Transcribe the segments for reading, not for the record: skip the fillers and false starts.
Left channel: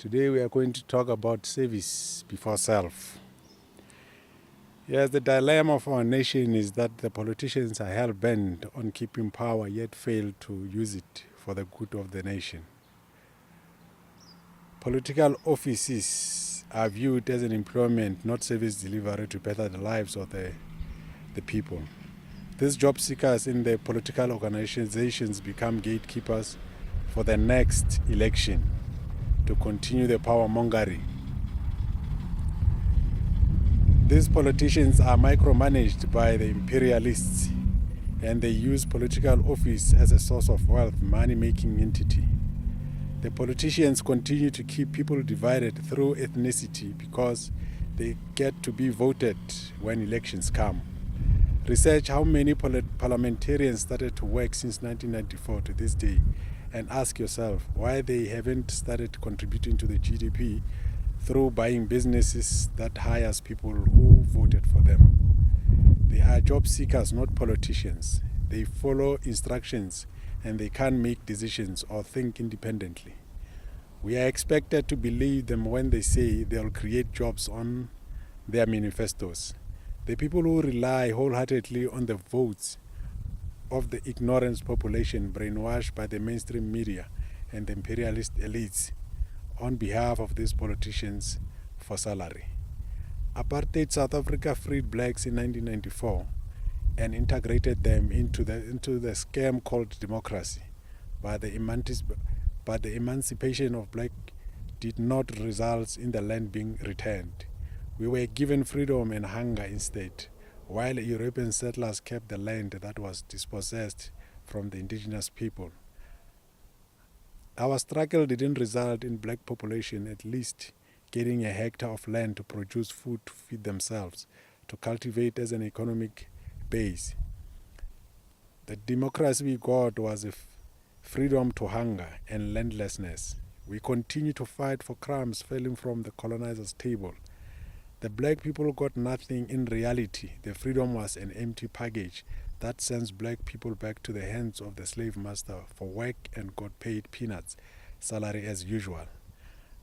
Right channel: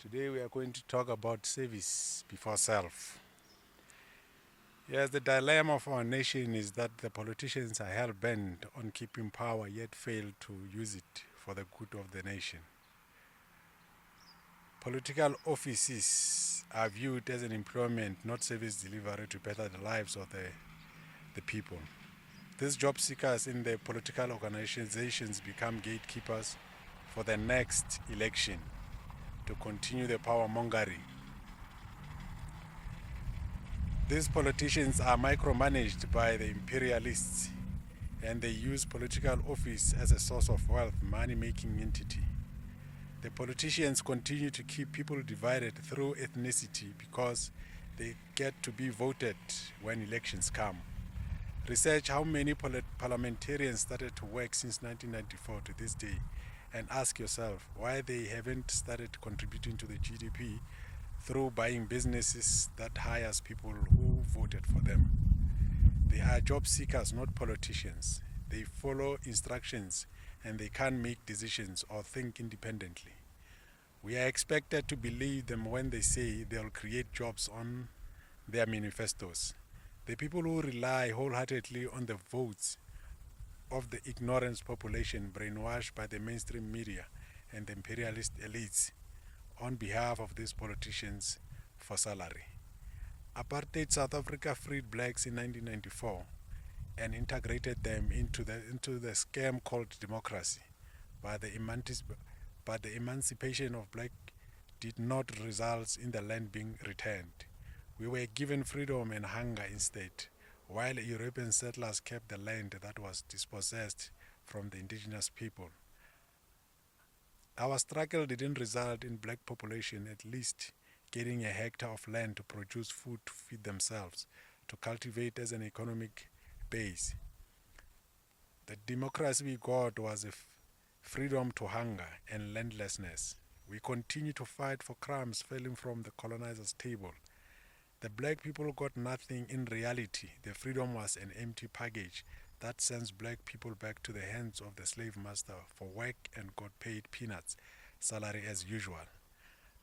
Today we are going to talk about service before self. Yes, the dilemma of our nation is that the politicians are hell-bent on keeping power yet fail to use it for the good of the nation. Political offices are viewed as an employment, not service delivery to better the lives of the people. These job seekers in the political organizations become gatekeepers for the next election to continue the power mongering. These politicians are micromanaged by the imperialists, and they use political office as a source of wealth, money-making entity. The politicians continue to keep people divided through ethnicity because they get to be voted when elections come. Research how many parliamentarians started to work since 1994 to this day, and ask yourself why they haven't started contributing to the GDP through buying businesses that hires people who voted for them. They are job seekers, not politicians. They follow instructions and they can't make decisions or think independently. We are expected to believe them when they say they'll create jobs on their manifestos. The people who rely wholeheartedly on the votes of the ignorant population brainwashed by the mainstream media and the imperialist elites on behalf of these politicians for salary. Apartheid South Africa freed blacks in 1994 and integrated them into the scam called democracy. But the emancipation of black did not result in the land being returned. We were given freedom and hunger instead, while European settlers kept the land that was dispossessed from the indigenous people. Our struggle didn't result in black population at least getting a hectare of land to produce food to feed themselves, to cultivate as an economic base. The democracy we got was a freedom to hunger and landlessness. We continue to fight for crumbs falling from the colonizer's table. The black people got nothing in reality. The freedom was an empty package that sends black people back to the hands of the slave master for work and got paid peanuts salary as usual.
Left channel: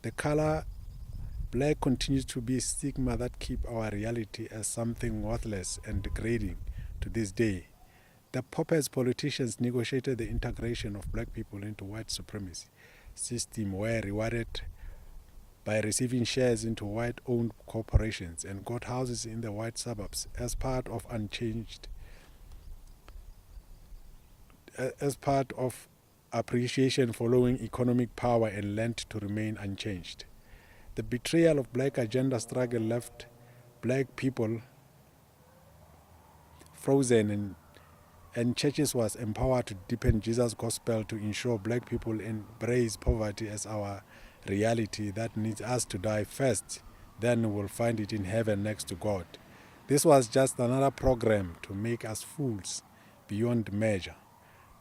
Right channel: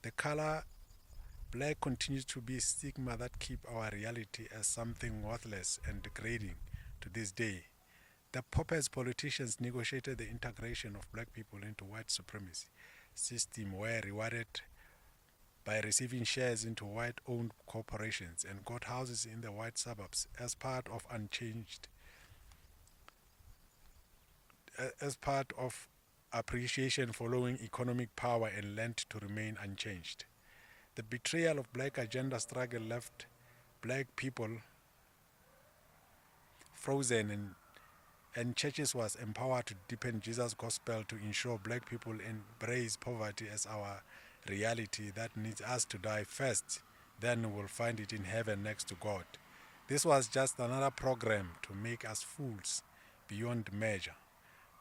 The color black continues to be a stigma that keeps our reality as something worthless and degrading to this day. The puppets politicians negotiated the integration of black people into white supremacy system, were rewarded by receiving shares into white-owned corporations and got houses in the white suburbs as part of appreciation following economic power and land to remain unchanged. The betrayal of black agenda struggle left black people frozen and churches was empowered to deepen Jesus' gospel to ensure black people embrace poverty as our reality that needs us to die first, then we will find it in heaven next to God. This was just another program to make us fools beyond measure,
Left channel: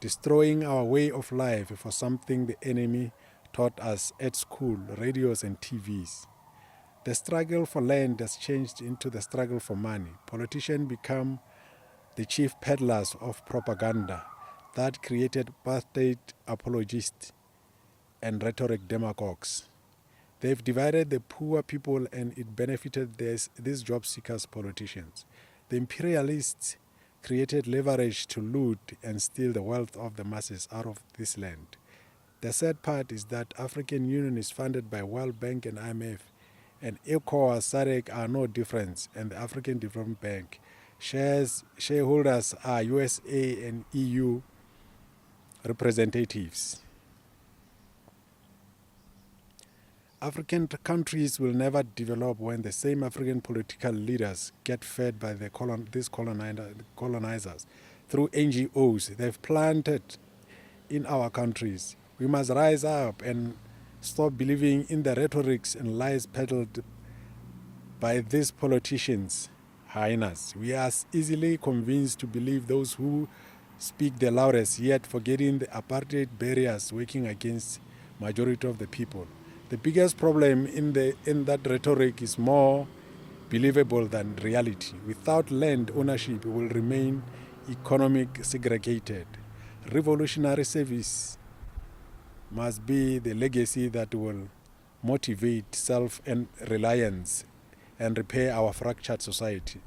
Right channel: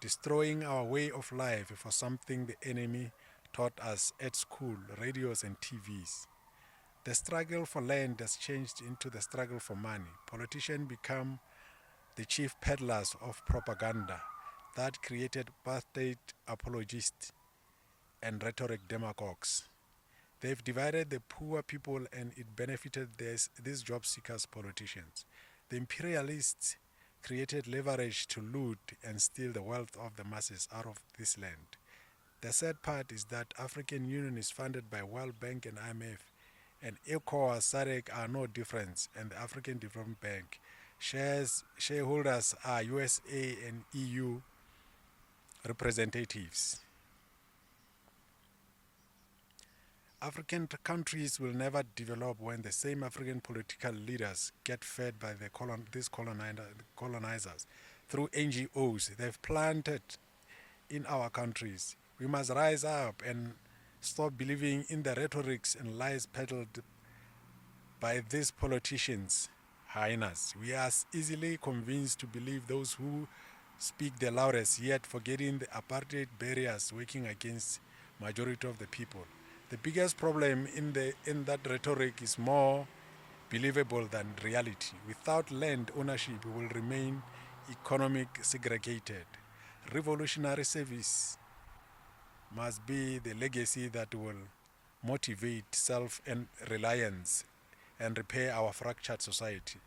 destroying our way of life for something the enemy taught us at school, radios and TVs. The struggle for land has changed into the struggle for money. Politicians become the chief peddlers of propaganda that created apartheid apologists and rhetoric demagogues. They've divided the poor people and it benefited these job seekers politicians. The imperialists created leverage to loot and steal the wealth of the masses out of this land. The sad part is that African Union is funded by World Bank and IMF, and ECOWAS, SADC are no different, and the African Development Bank. Shareholders are USA and EU representatives. African countries will never develop when the same African political leaders get fed by these colonizers through NGOs they've planted in our countries. We must rise up and stop believing in the rhetorics and lies peddled by these politicians. Highness, we are easily convinced to believe those who speak the loudest, yet forgetting the apartheid barriers working against majority of the people. The biggest problem in that rhetoric is more believable than reality. Without land ownership, we will remain economic segregated. Revolutionary service must be the legacy that will motivate self-reliance and repair our fractured society.